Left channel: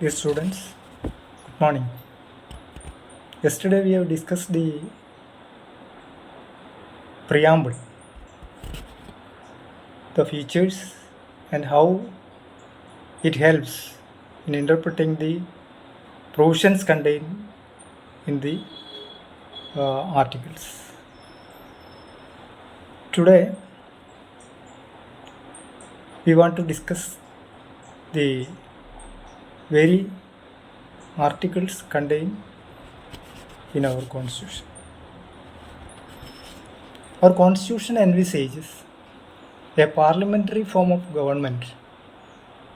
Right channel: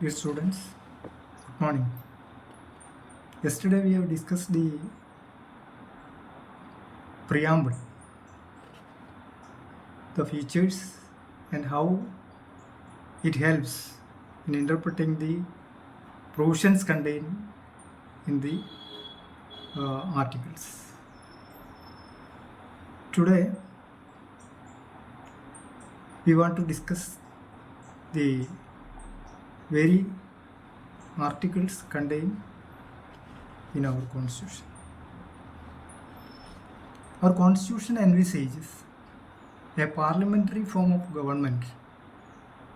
Dear students, good morning. Yesterday we have discussed the preamble, the features, and how it helps in interpreting the provisions contained in the articles. Today we want to discuss the very articles contained in our constitution. Our constitution envisages a parliamentary form of government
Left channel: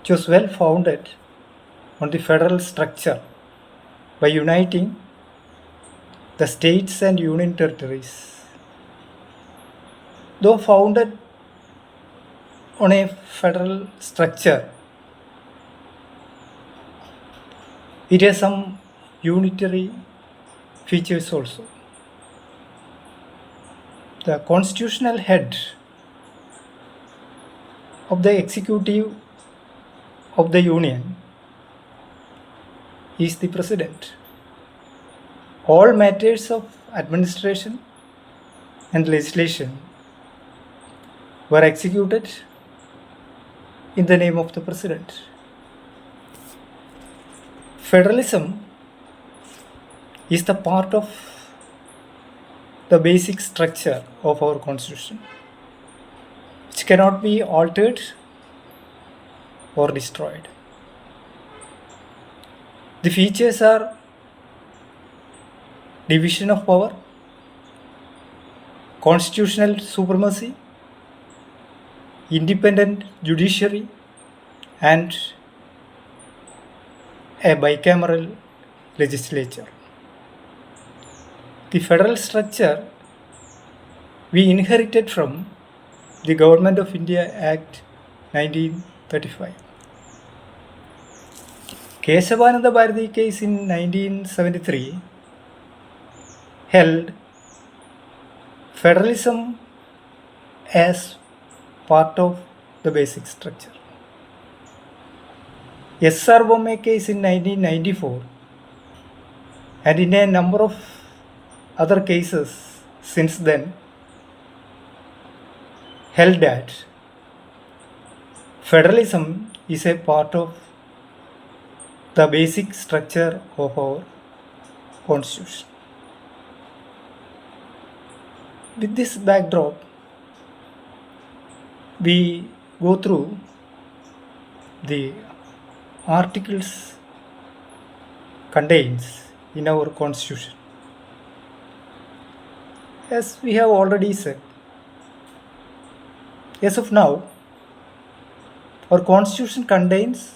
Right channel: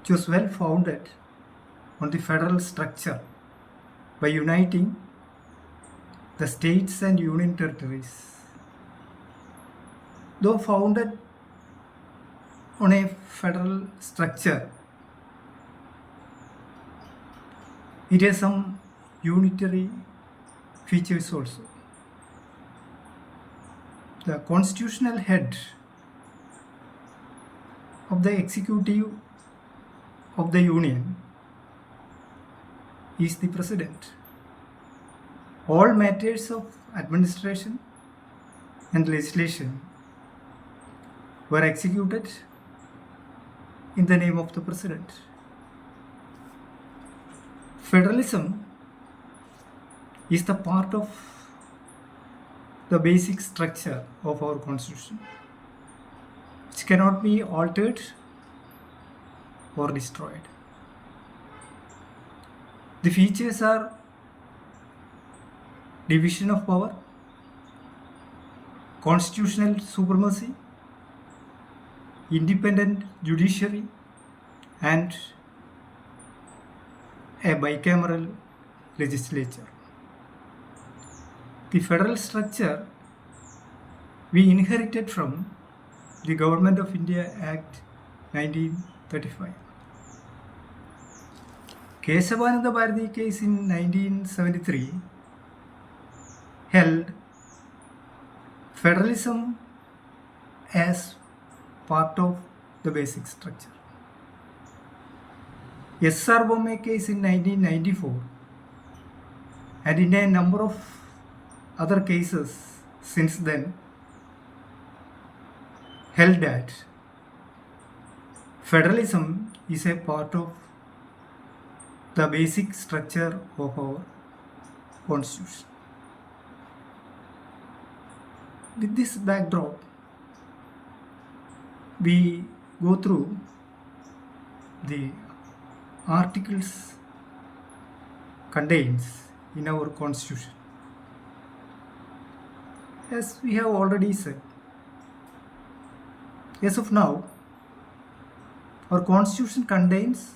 which was well founded on the federal structure by uniting the states and union territories. Though founded on a federal structure, it has some unitary features also. The constitutional head of the executive of the union is the president. All matters of administration and legislation were executed in the name of the president. Federalism is the part of the basic structure of our constitution, which cannot be altered or destroyed. The features are division of power, constitutional supremacy, independent judiciary, and a bicameral legislature. The federal structure we inherited from the Government of India Act 1935. Keshavananda Bharati case in 1973 held federalism as part of the basic structure. S.R. Bomme case in 1994 and in a number of other cases since then held that federalism is a part of the basic structure of our constitution. With this backdrop, we go through the articles contains in our constitution. As we have already said, as of now, our constitution contains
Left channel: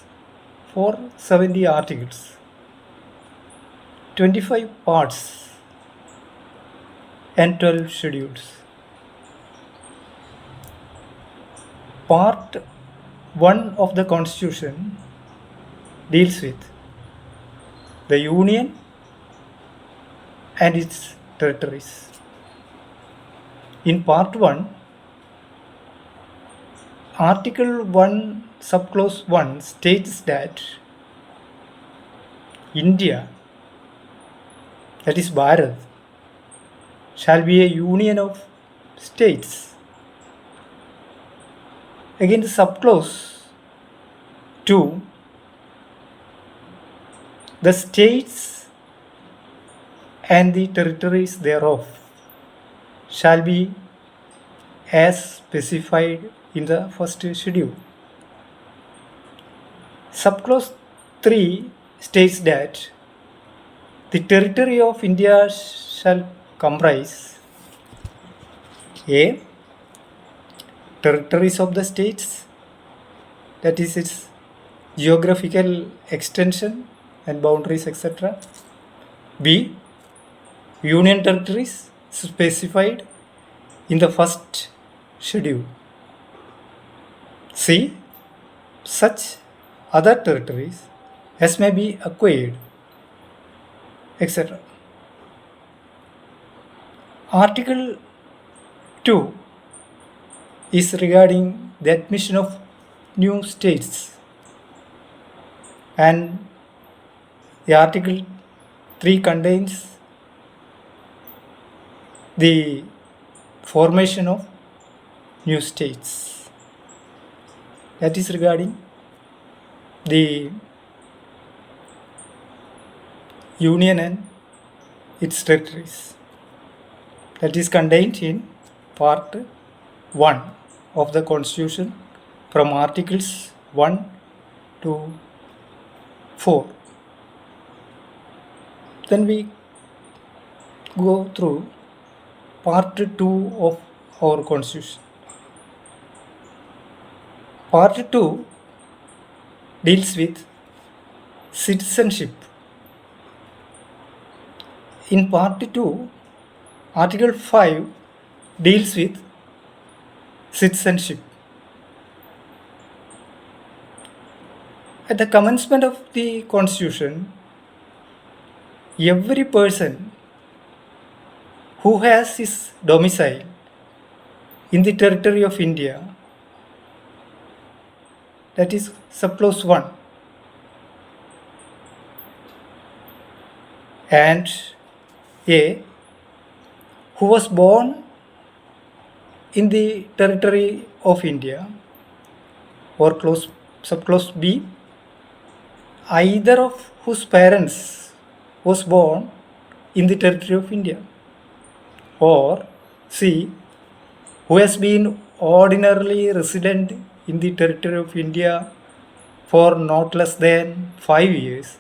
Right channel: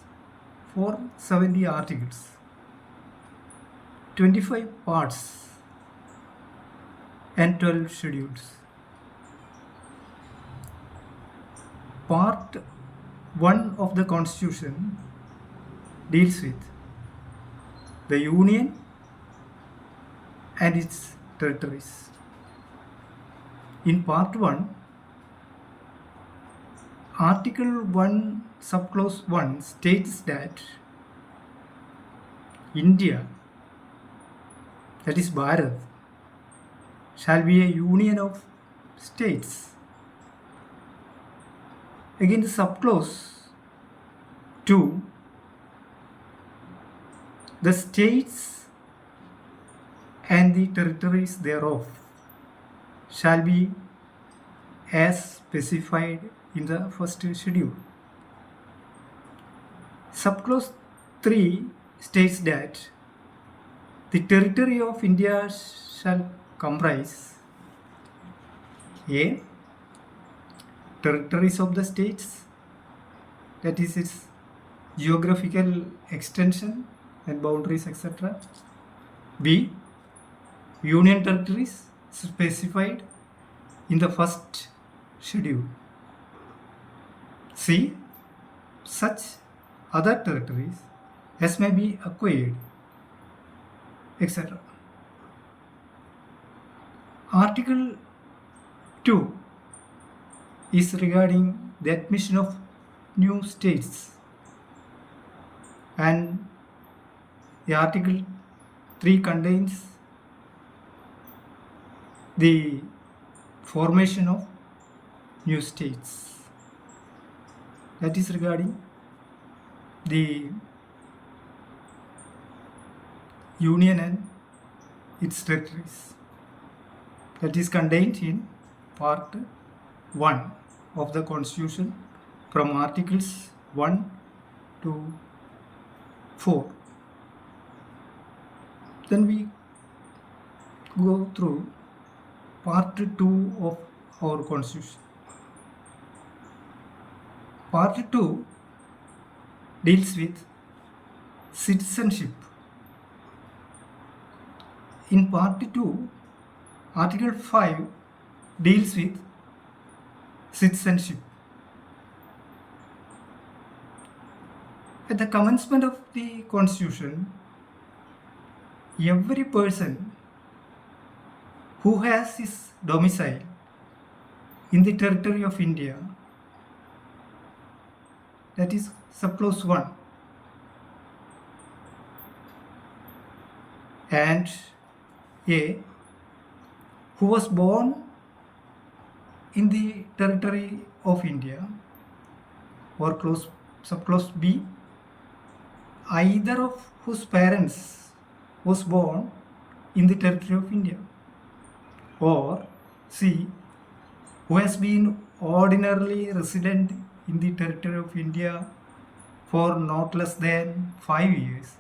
470 articles, 25 parts, and 12 schedules. Part 1 of the constitution deals with the union and its territories. In part 1, Article 1, subclause 1 states that India, that is Bharat, shall be a union of states. Again, the subclause 2, the states and the territories thereof shall be as specified in the first schedule. Subclause 3 states that the territory of India shall comprise A. Territories of the states, that is its geographical extension and boundaries, etc. B. Union territories specified in the first schedule. C. Such other territories as may be acquired, etc. Article 2 is regarding the admission of new states and The Article 3 contains the formation of new states. That is regarding the Union and its territories. That is contained in Part 1 of the Constitution from Articles 1 to 4. Then we go through Part 2 of our Constitution. Part 2 deals with citizenship. In Part 2, Article 5 deals with citizenship. At the commencement of the Constitution, every person who has his domicile in the territory of India, that is subclause 1, and A, who was born in the territory of India, or subclause B, either of whose parents was born in the territory of India, or C, who has been ordinarily resident in the territory of India for not less than 5 years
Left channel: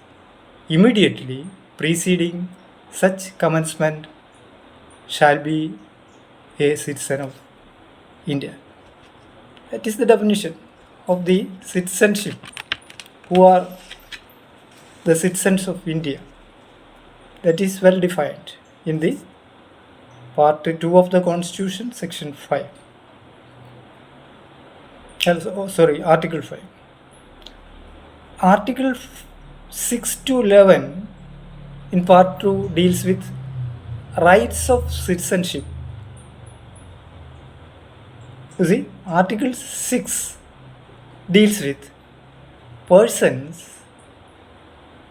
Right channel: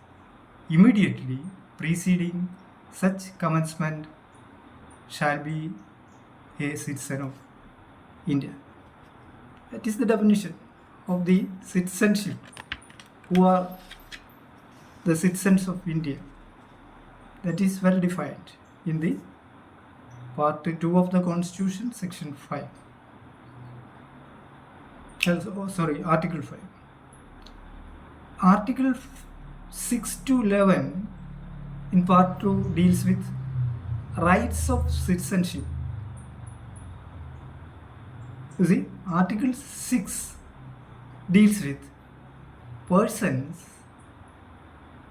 immediately preceding such commencement shall be a citizen of India. That is the definition of the citizenship. Who are the citizens of India? That is well defined in the Part 2 of the Constitution, Section 5. Article 5. Article 6 to 11 in Part 2 deals with rights of citizenship. You see, Article 6 deals with persons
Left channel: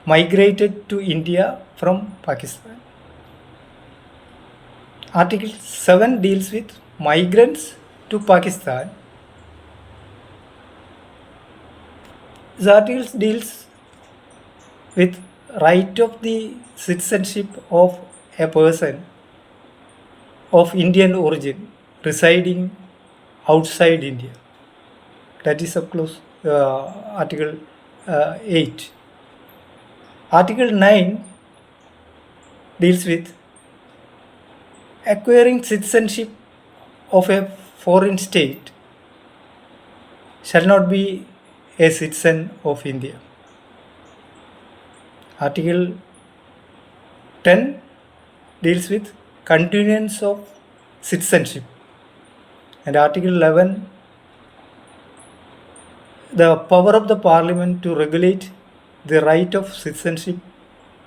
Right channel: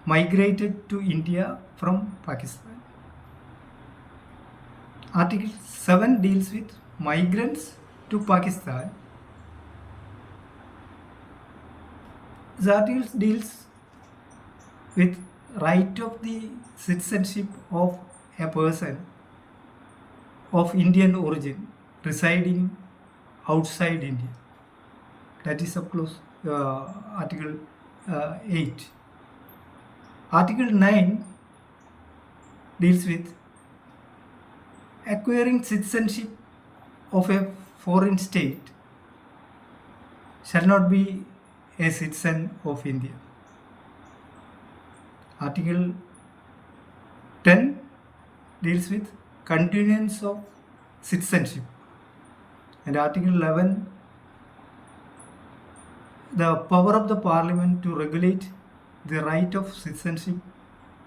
migrated to India from Pakistan. Article 7 deals with migrants to Pakistan. This article deals with right of the citizenship of a person of Indian origin residing outside India. That is subclause Article 8. Article 9 deals with acquiring citizenship of a foreign state shall not be a citizen of India. Article 10 deals with continuance of citizenship, and Article 11, the power of the Parliament to regulate the right of citizenship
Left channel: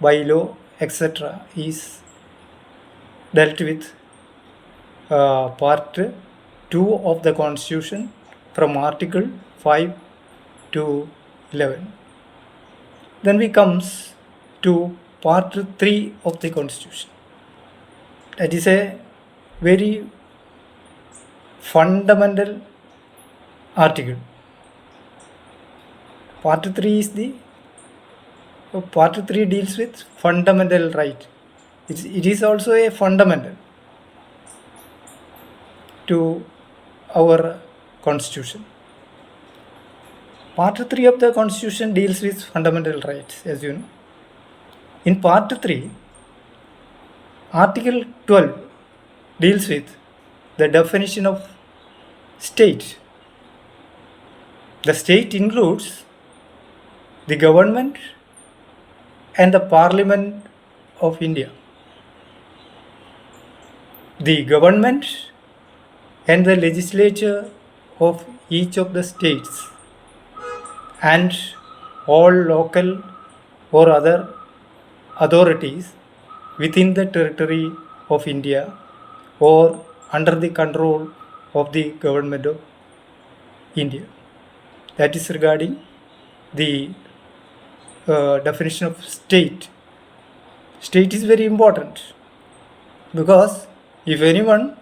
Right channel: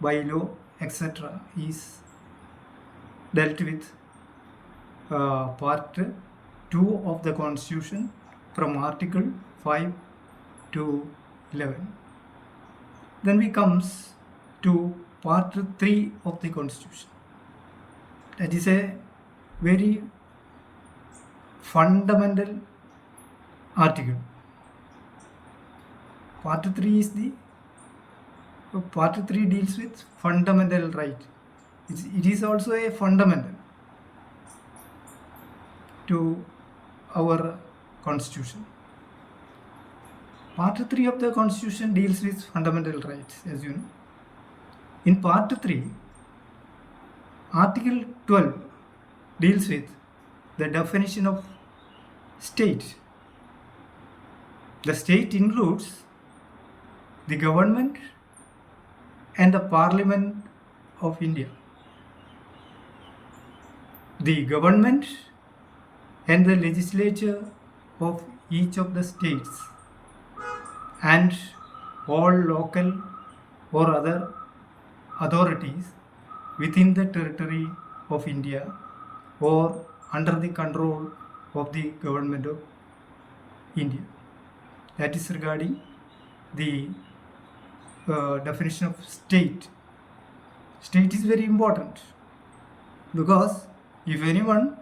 by law, etc., is dealt with Part 2 of the Constitution from Article 5 to 11. Then we comes to Part 3 of the Constitution. That is a very fundamental article. Part 3 deals with fundamental right. It is also a fundamental to our Constitution. Part 3 of the Constitution deals with fundamental rights, as you know. In Part 3, Article 12 deals with the definition of state. The state includes the government and the Parliament of India. The government and the legislature of each of the states and all local or other authorities within the territory of India or under the control of the government of India. That is regarding the definition of state. State is very important because if anyone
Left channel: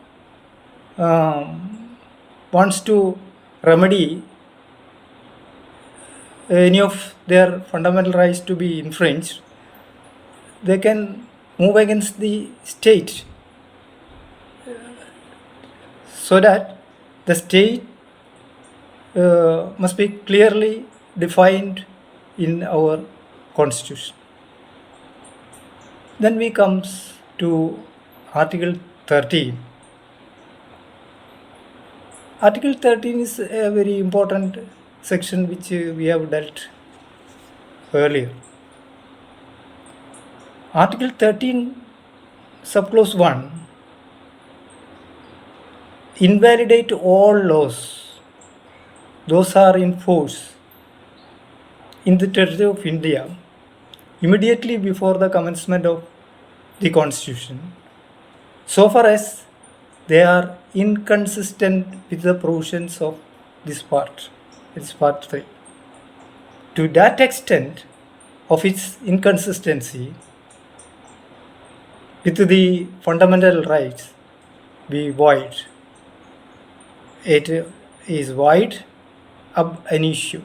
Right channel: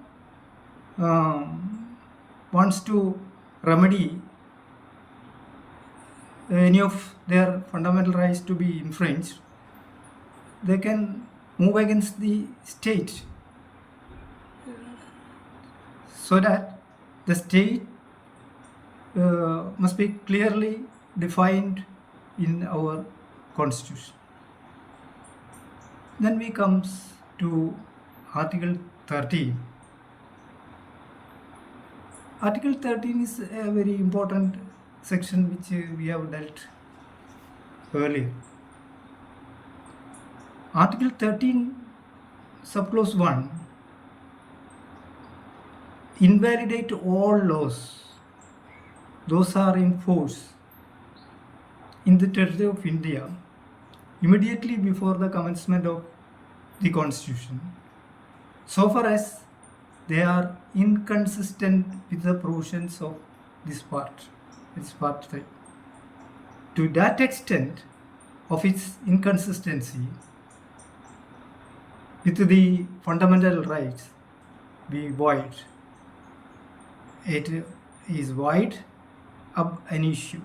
wants to remedy any of their fundamental rights to be infringed, they can move against the state so that the state must be clearly defined in our constitution. Then we comes to Article 13. Article 13 is a very important section which we have dealt earlier. Article 13, subclause 1, invalidate all laws. Those are in force in the territory of India immediately before the commencement of the Constitution, so far as they are inconsistent with the provisions of this part. It's part 3. To that extent of its inconsistency with the fundamental rights be void. It is void ab initio.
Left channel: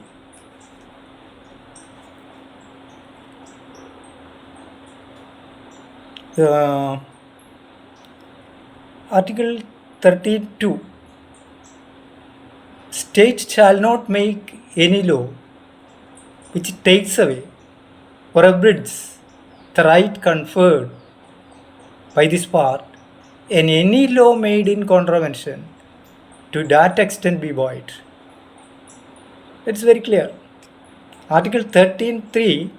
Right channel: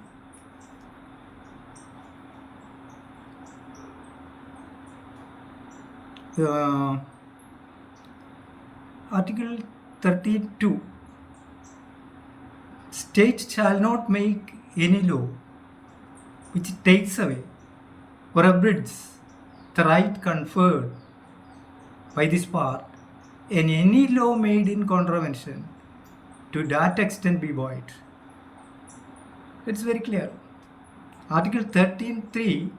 Article 32. State shall not make any law which takes away or abridges the right conferred by this part, and any law made in contravention to that extent be void. It's very clear. Article 13.3.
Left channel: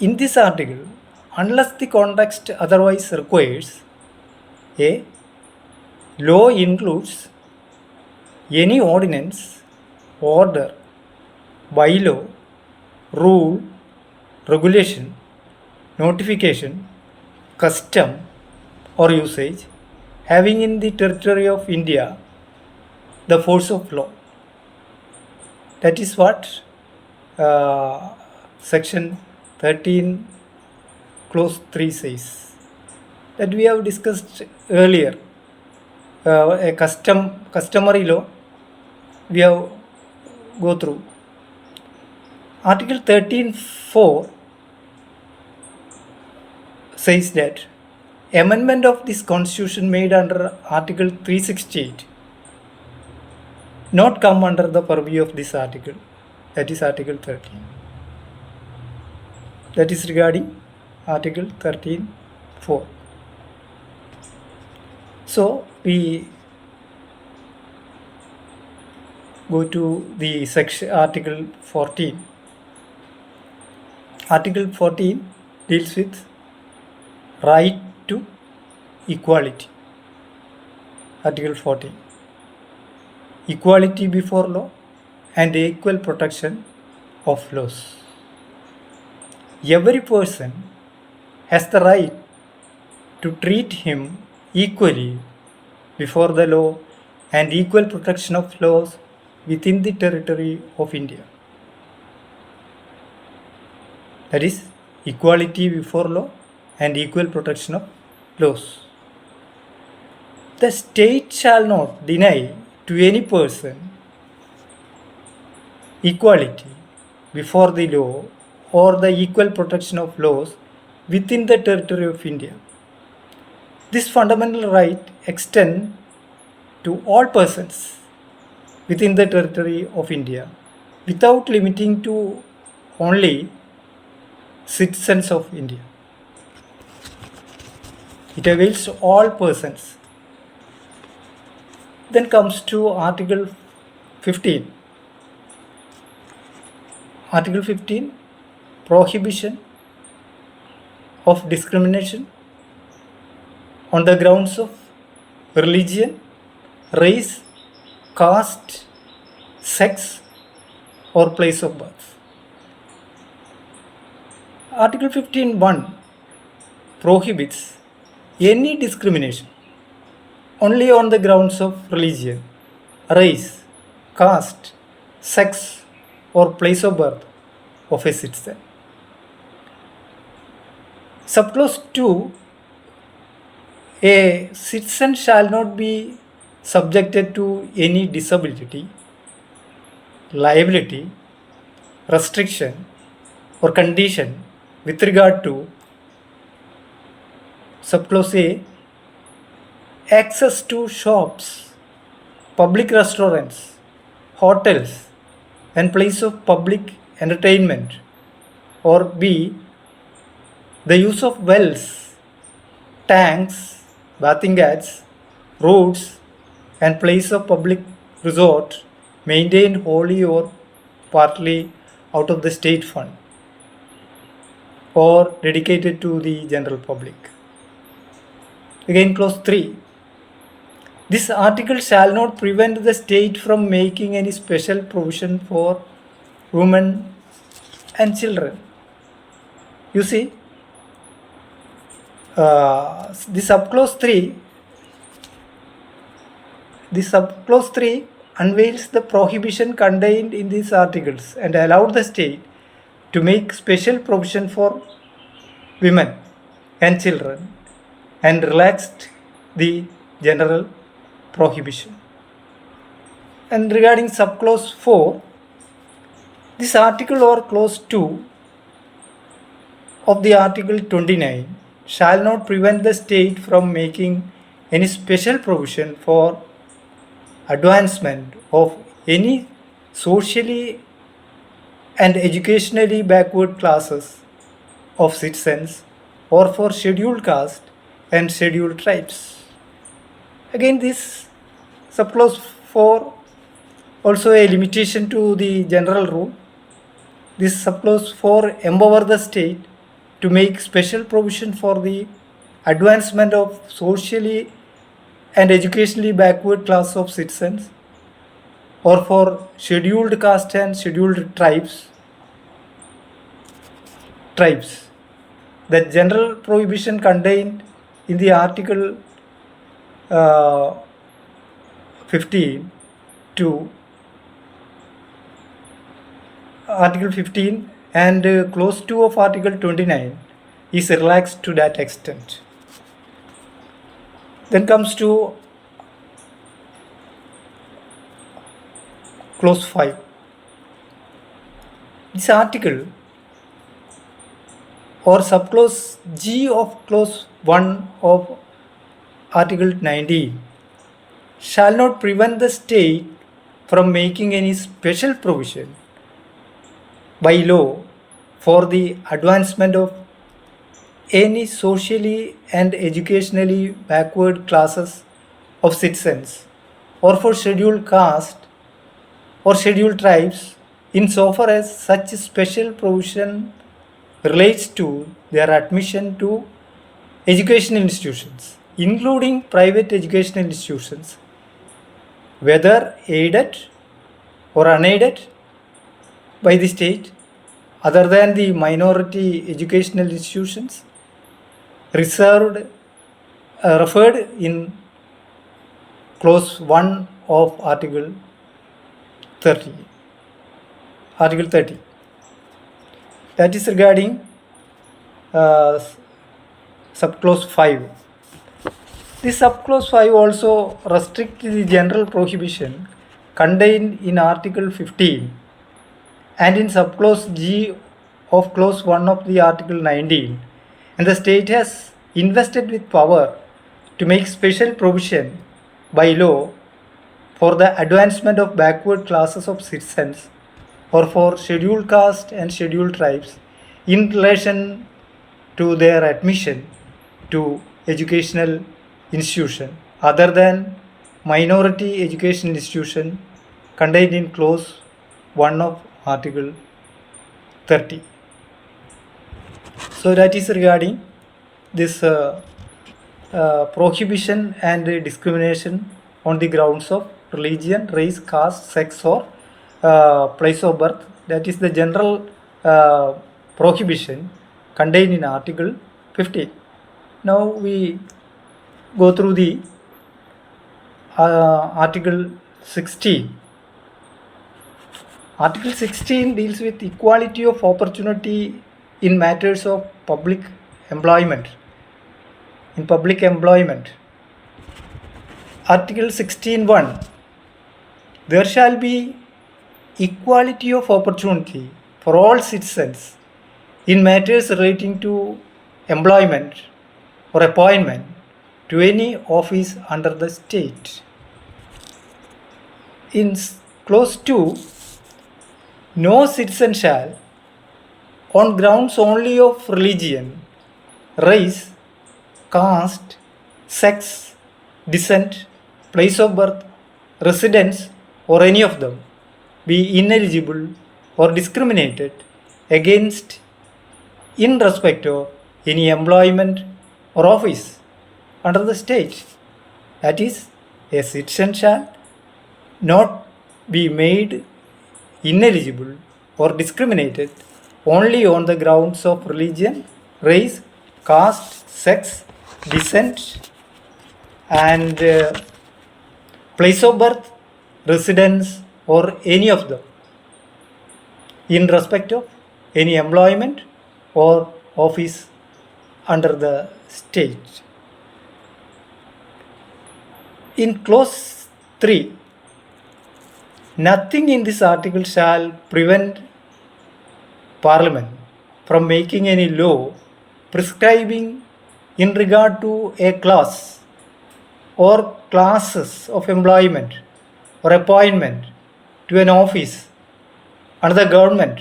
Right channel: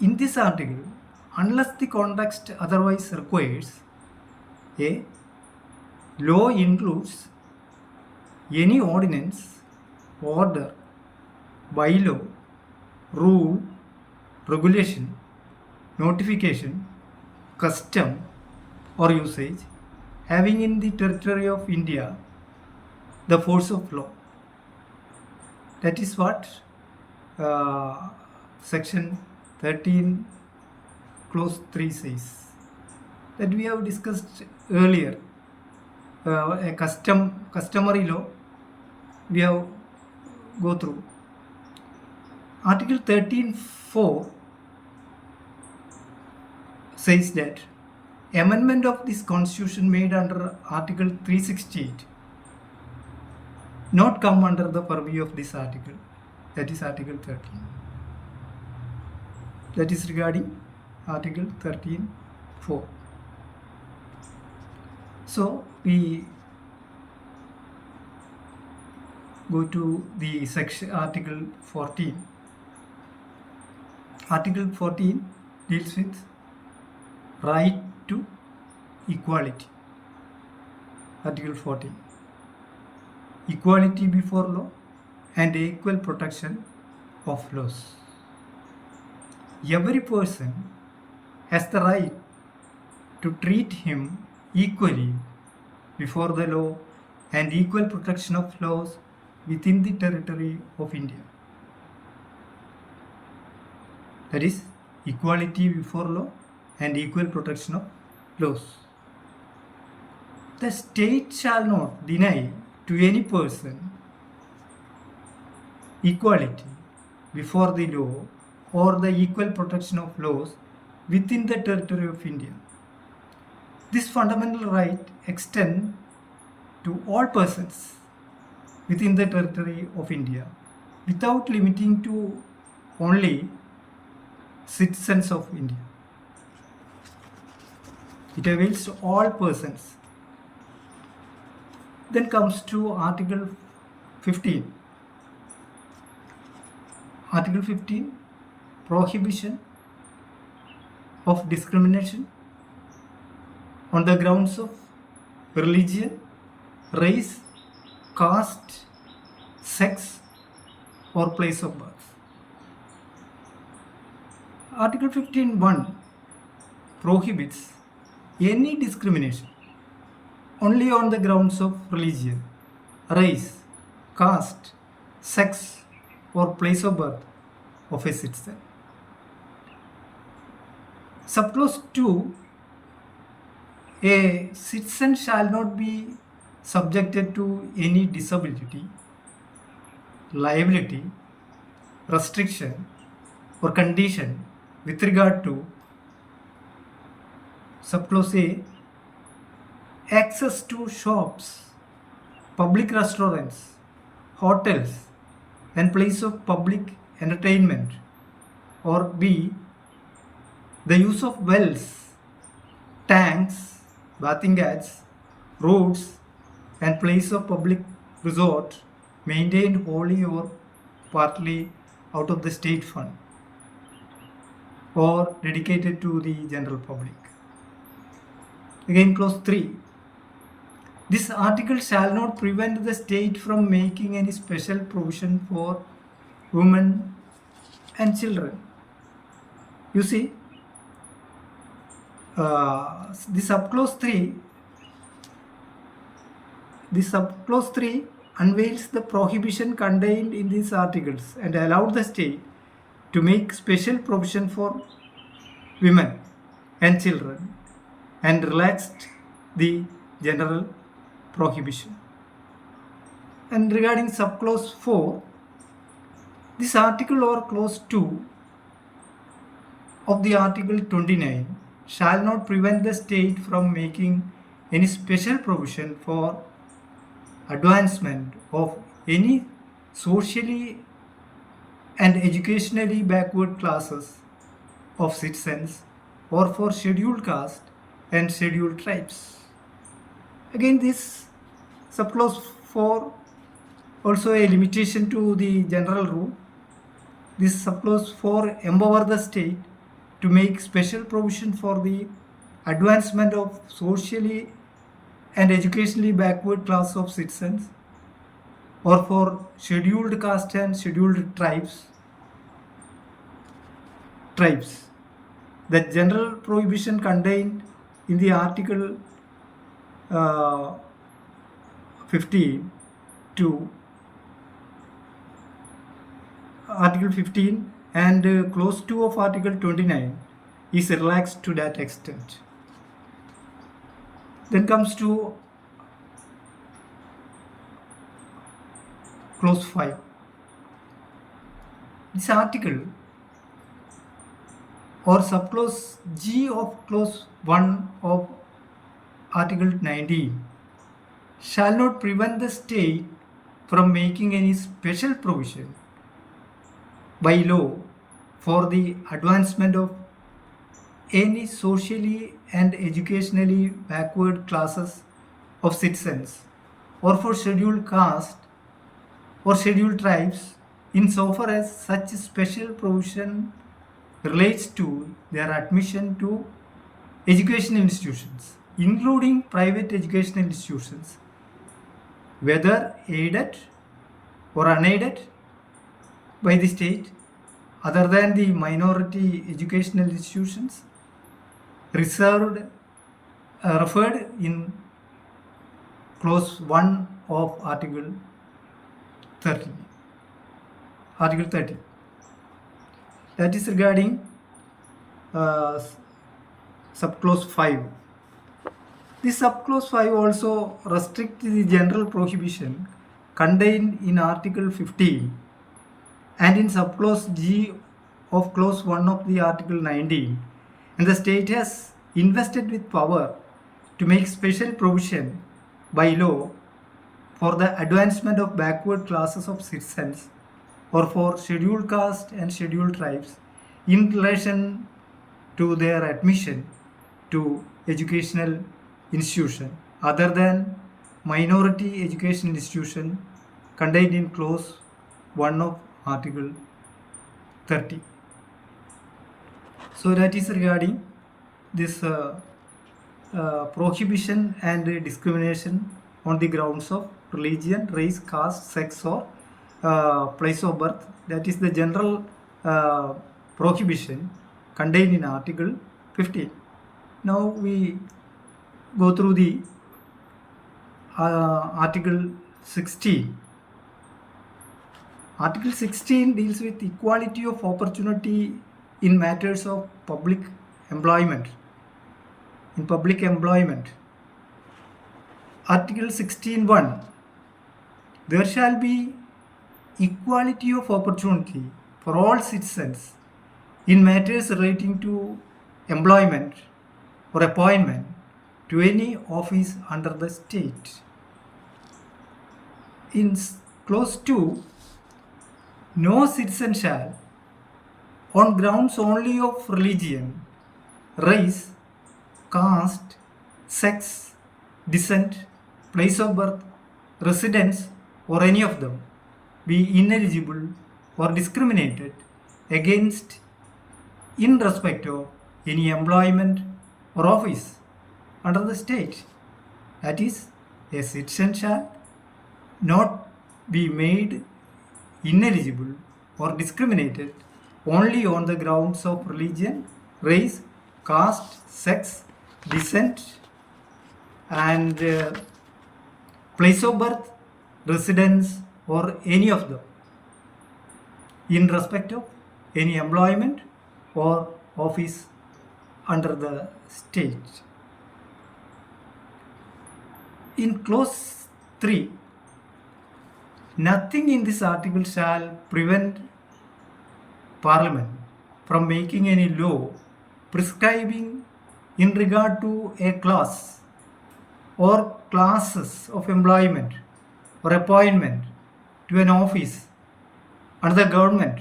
In this article, unless the context otherwise requires, a law includes any ordinance, order, bylaw, rule, regulation, notification, custom or usage having in the territory of India the force of law. That is what section 13 clause 3 says, that we have discussed earlier. A customary law we have go through. Article 13.4 says that amendment of this constitution made under Article 368 not come under the purview of this article, that is Article 13. That is regarding Article 13.4. So we go to the section Article 14. Article 14 deals with right to equality. Article 14. Equality before law and equal protection of laws. Every person has the right to treat him equally before the law and equal protection of laws within the territory of India. That is equality before law and equal protection of laws. The state shall not deny to any person equality before the law or the equal protection of laws within the territory of India. This fundamental right extends to all persons within the territory of India without limiting to only citizens of India. It avails to all persons. Then comes to Article 15. Article 15, prohibition of discrimination on the grounds of religion, race, caste, sex, or place of birth. Article 15.1 prohibits any discrimination only on the grounds of religion, race, caste, sex, or place of birth of a citizen. Subclause 2, a citizen shall not be subjected to any disability, liability, restriction, or condition with regard to subclause A, access to shops, public restaurants, hotels, and place of public entertainment, or B, the use of wells, tanks, bathing ghats, roads, and place of public resort maintained wholly or partly out of the state fund or dedicated to the general public. Again, clause 3. This article shall not prevent the state from making any special provision for women and children. You see, the subclause 3 unveils the prohibition contained in these articles and allowed the state to make special provision for women and children and relaxed the general prohibition. And regarding subclause 4, this article or clause 2 of the article 29 shall not prevent the state from making any special provision for advancement of any socially and educationally backward classes of citizens or for scheduled caste and scheduled tribes. Again, this subclause 4 also a limitation to the general rule. This subclause 4 empower the state to make special provision for the advancement of socially and educationally backward class of citizens or for scheduled caste and scheduled tribes. The general prohibition contained in the article 15 to Article 15 and clause 2 of Article 29 is relaxed to that extent. Then comes to clause 5. This article or subclause G of clause 1 of Article 19 shall not prevent the state from making any special provision by law for the advancement of any socially and educationally backward classes of citizens or for scheduled caste or scheduled tribes insofar as such special provision relates to their admission to educational institutions, including private educational institutions, whether aided or unaided by the state, other than the minority educational institutions referred in clause 1 of Article 30. That is regarding subclause 5. This subclause 5 also restricts the general prohibition contained in Article 15 and in subclause G of clause 1 of the Article 19, and the state has invested with power to make special provision by law for the advancement of backward classes of citizens or for scheduled caste and scheduled tribes in relation to their admission to educational institution other than minority educational institution contained in clause 1 of Article 30. So that is regarding this prohibition and discrimination on the grounds of religion, race, caste, sex, or place of birth. That is the general prohibition contained in Article 15. Now we go through the Article 16. Article 16 deals with equality of opportunity in matters of public employment. In public employment. Article 16(1), there shall be equality of opportunity for all citizens in matters relating to employment or appointment to any office under the state. In clause 2, no citizen shall, on grounds only of religion, race, caste, sex, descent, place of birth, residence, or any of them, be ineligible or discriminated against in respect of any employment or office under the state. That is, a citizen shall not be made ineligible or discriminated only on the grounds of religion, race, caste, sex, descent, and place of birth, residence, or any of them in respect of any employment or office under the state. In clause 3, nothing in this article shall prevent Parliament from making any law prescribing in regard to a class or classes of employment or appointment to an office under the government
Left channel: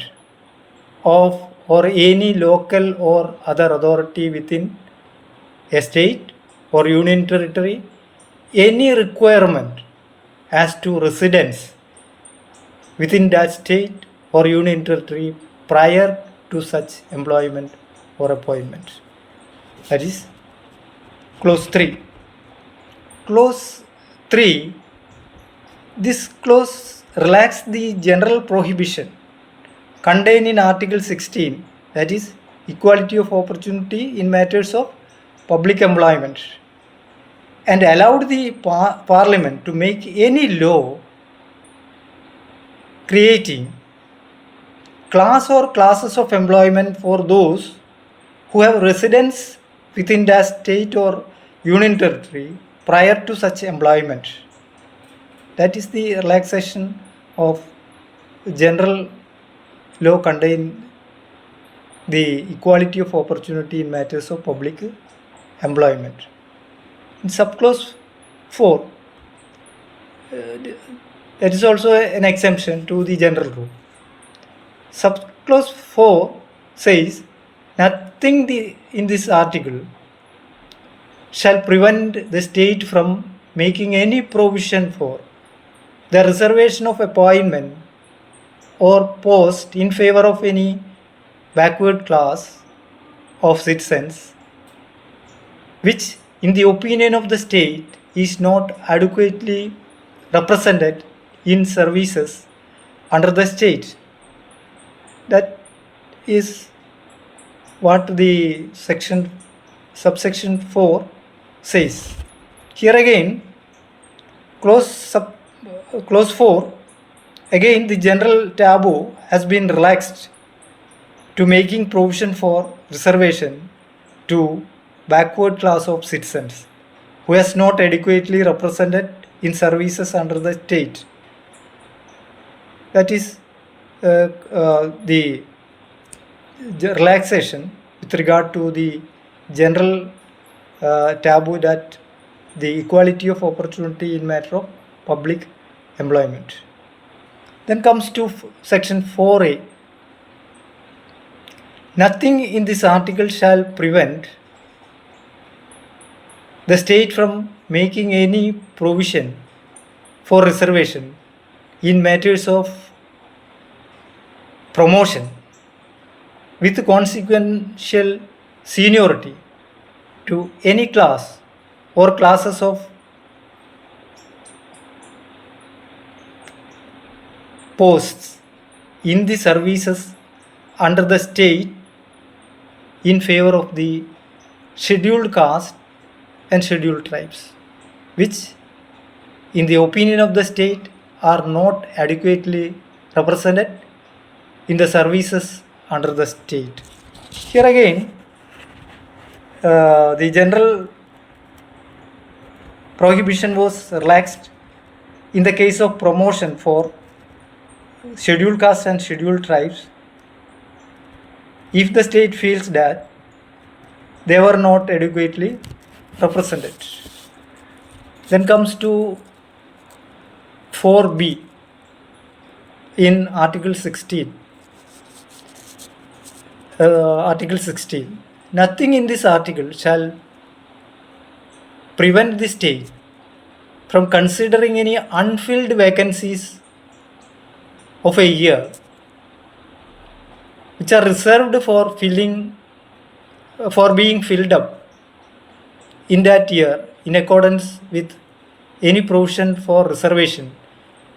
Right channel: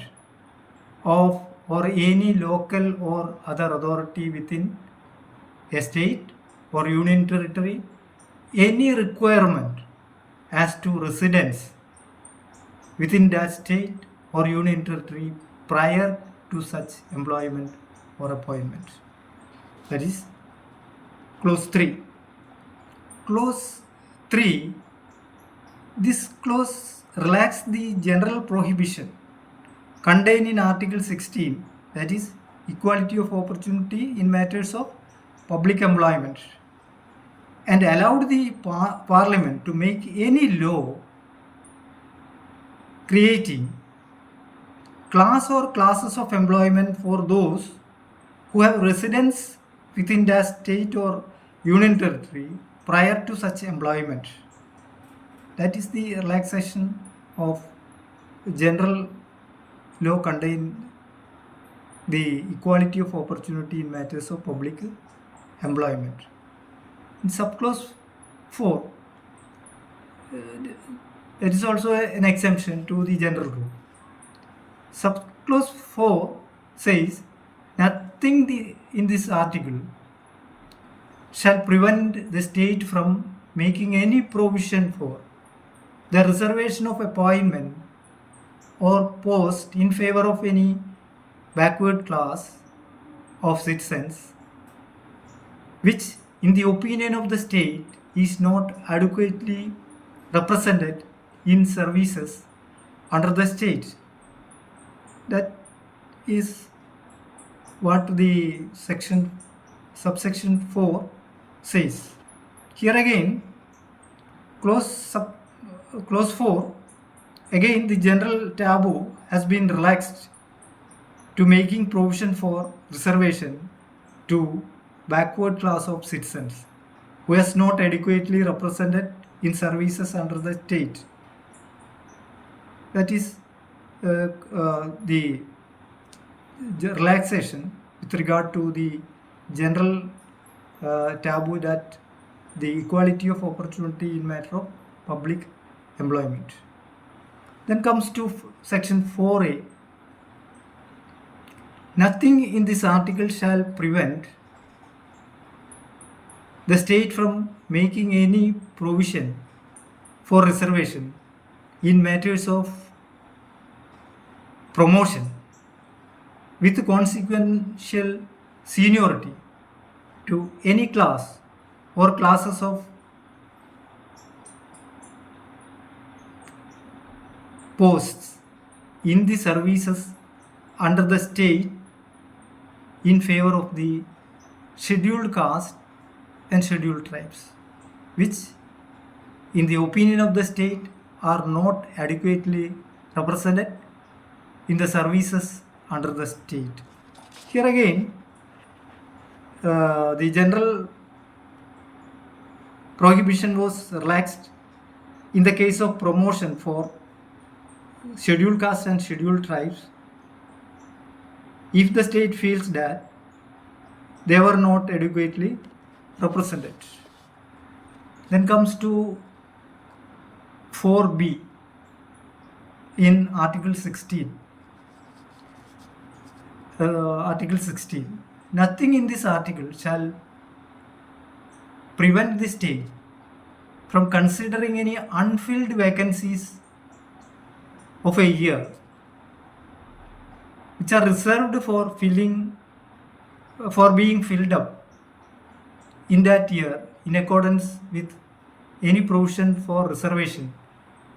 of or any local or other authority within a state or union territory any requirement as to residence within that state or union territory prior to such employment or appointment. That is clause 3. Clause 3, this clause relaxes the general prohibition contained in Article 16, that is equality of opportunity in matters of public employment, and allowed the Parliament to make any law creating class or classes of employment for those who have residence within that state or union territory prior to such employment. That is the relaxation of general law contained the equality of opportunity in matters of public employment. In subclause 4, that is also an exemption to the general rule. Subclause 4 says nothing in this article shall prevent the state from making any provision for the reservation of appointment or post in favor of any backward class of citizens which in the opinion of the state is not adequately represented in services under the state. That is what the subsection 4 says. Here again, clause 4, again the general taboo has been relaxed to making provision for reservation to backward class of citizens who is not adequately represented in services under the state. That is the relaxation with regard to the general taboo that the equality of opportunity in matter of public employment. Then comes to section 4a. Nothing in this article shall prevent the state from making any provision for reservation in matters of promotion with consequential seniority to any class or classes of posts in the services under the state in favor of the scheduled caste and scheduled tribes, which in the opinion of the state are not adequately represented in the services under the state. Here again, the general prohibition was relaxed in the case of promotion for scheduled castes and scheduled tribes if the state feels that they were not adequately represented. Then comes to 4b in Article 16. Article 16. Nothing in this article shall prevent the state from considering any unfilled vacancies of a year which are reserved for being filled up in that year in accordance with any provision for reservation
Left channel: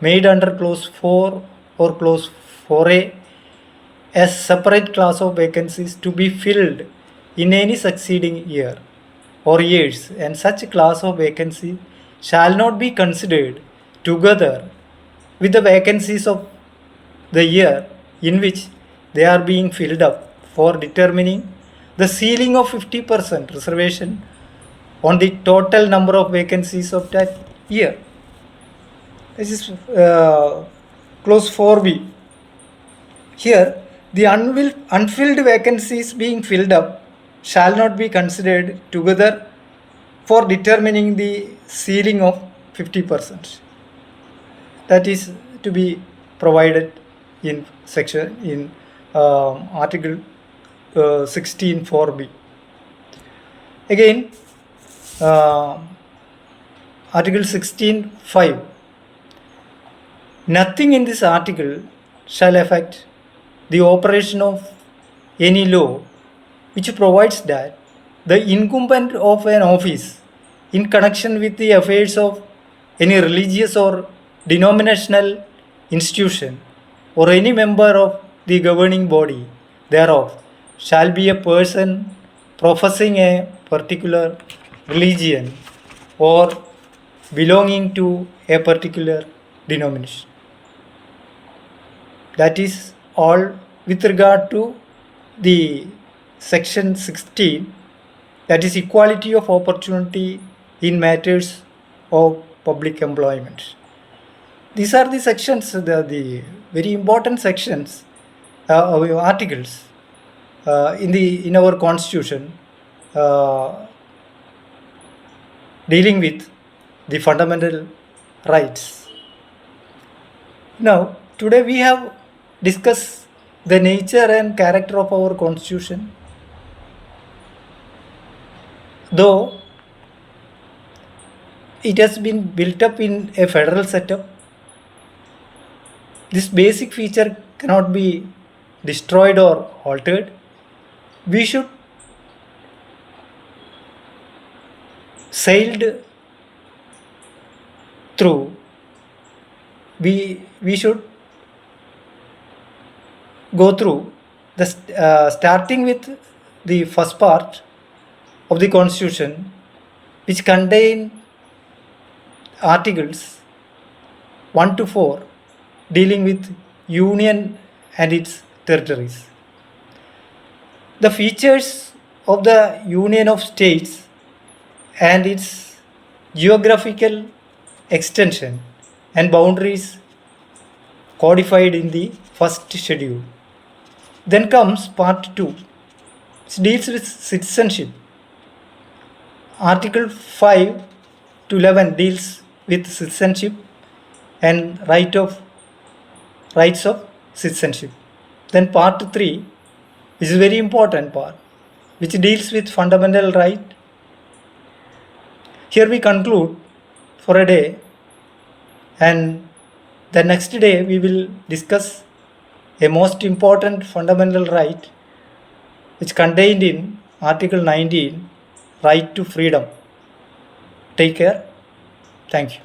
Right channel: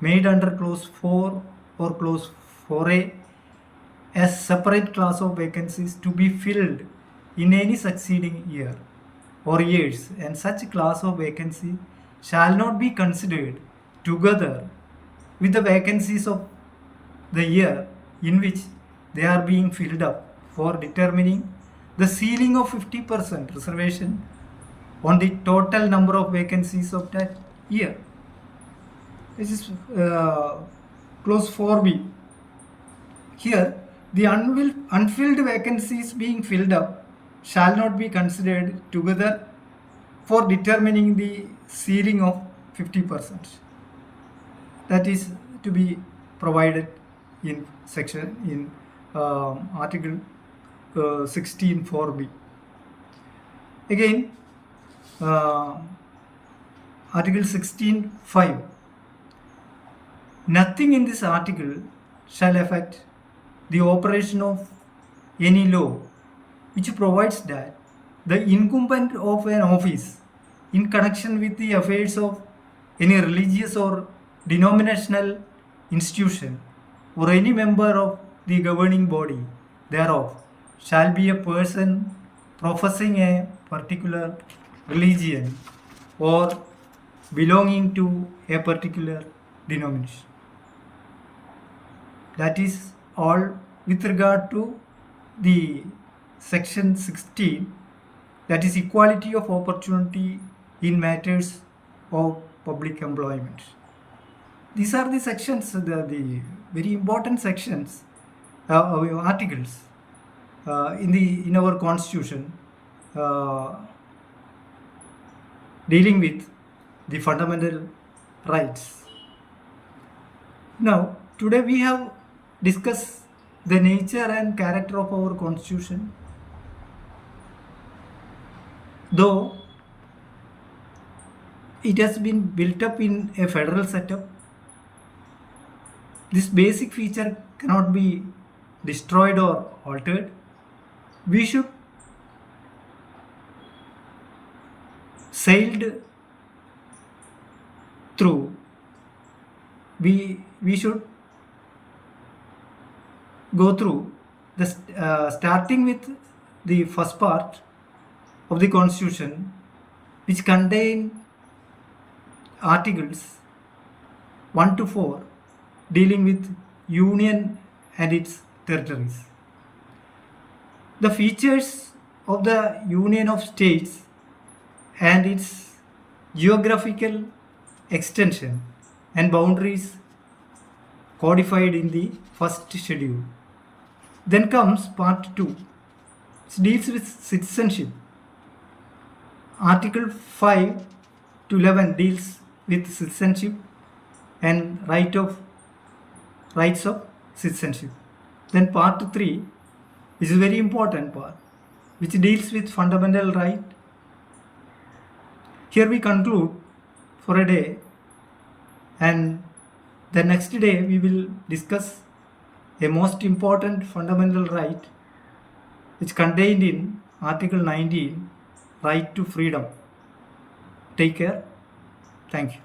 made under clause 4 or clause 4a as separate class of vacancies to be filled in any succeeding year or years, and such class of vacancy shall not be considered together with the vacancies of the year in which they are being filled up for determining the ceiling of 50% reservation on the total number of vacancies of that year. This is clause 4b. Here, the unfilled vacancies being filled up shall not be considered together for determining the ceiling of 50%. That is to be provided in Article 16 4b. Again, Article 16 5. Nothing in this article shall affect the operation of any law which provides that the incumbent of an office in connection with the affairs of any religious or denominational institution or any member of the governing body thereof shall be a person professing a particular religion or belonging to a particular denomination. That is all with regard to the section 16, that is equality of opportunity in matters of public employment. These are the sections, the very important sections, articles in our constitution dealing with the fundamental rights. Now, today we have discussed the nature and character of our constitution. Though it has been built up in a federal setup, this basic feature cannot be destroyed or altered. We should sailed through. We should go through the starting with the first part of the constitution, which contain articles 1 to 4 dealing with union and its territories. The features of the union of states and its geographical extension and boundaries codified in the first schedule. Then comes part 2, which deals with citizenship. Article 5 to 11 deals with citizenship and rights of citizenship. Then part 3 is a very important part, which deals with fundamental right. Here we conclude for a day, and the next day we will discuss a most important fundamental right which contained in Article 19, right to freedom. Take care. Thank you.